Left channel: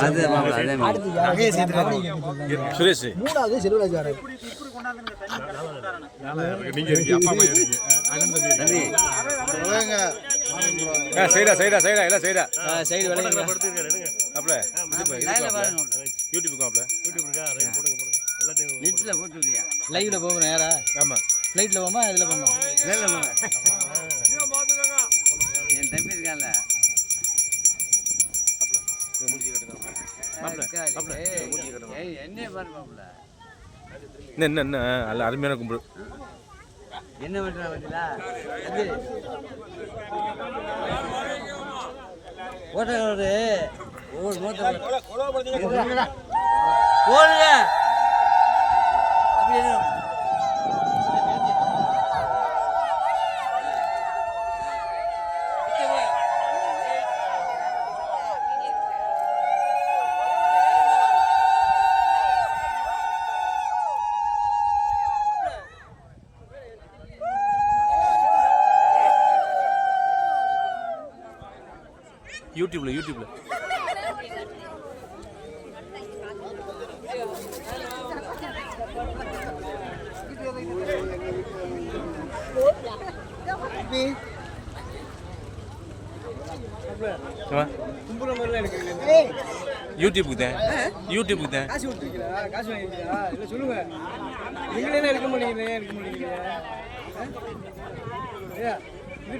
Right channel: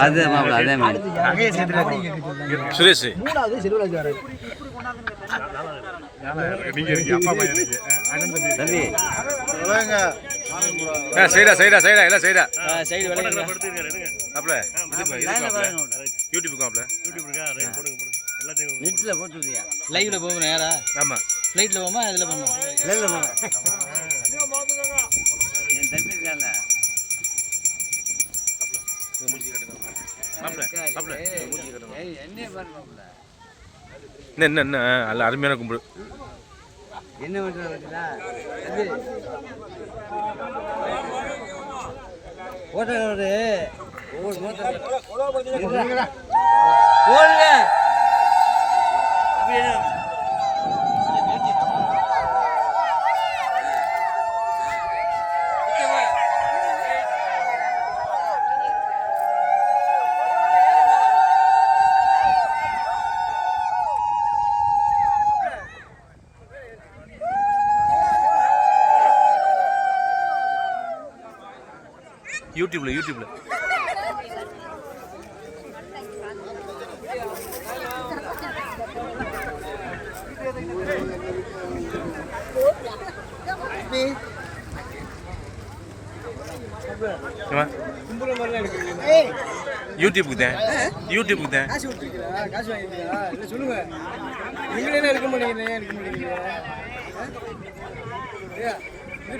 அது அதே மாதிரி சுரேஷ் மூணாவது செல்வராஜ் வராரு சைடா சைடா சைடா எல்லாம் சைடா சைடு அப்பல போட்டுருக்கியா லைவ்ல போகணும் ஆமா ஃப்ளைட்ல போமா இதுல போமா என்ன என்ன என்ன? அல்ல அருமையான கும்பிடு என்ன பண்றீங்களா அது ஓட்ட ஒரு ஒவ்வொரு மோட்டர் யூடியூப்ல யூடியூப்ல. யூடியூபுக்கு தான் யூடியூபுக்கு தான் காசு காசு இல்லை சொல்லுங்க. நீங்களே என்ன எடுக்க மாட்டேங்கிறீங்க எடுக்க மாட்டேங்கிறீங்க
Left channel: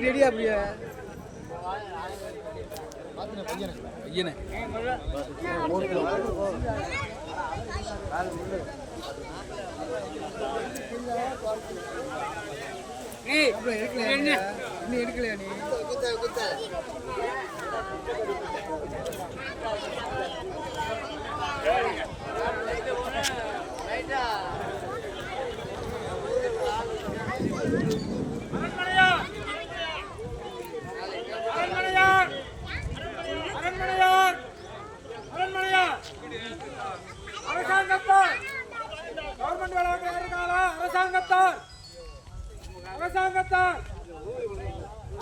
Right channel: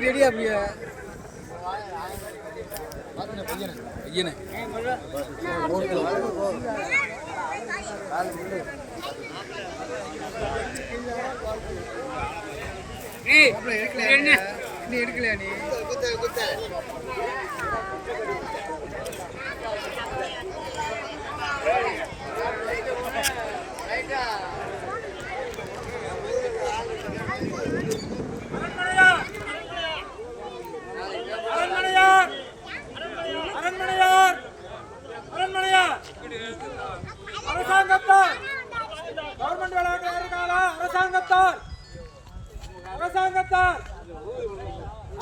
ரெடியா அப்படியே? நீ எடுக்கல நீ எடுக்கலையா நீ அரசாங்கத்தால் கவர்மெண்ட் விளையாட்டு இருக்கால அரசாங்கத்தால். அரசாங்கத்தால்.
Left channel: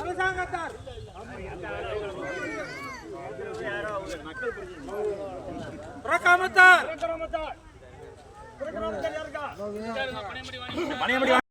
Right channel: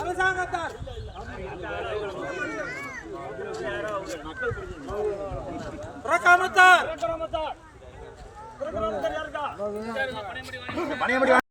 அரசாங்கத்தால். புறக்காமத்தால் புறக்காமத்தால் யாருக்கா? பணியமடி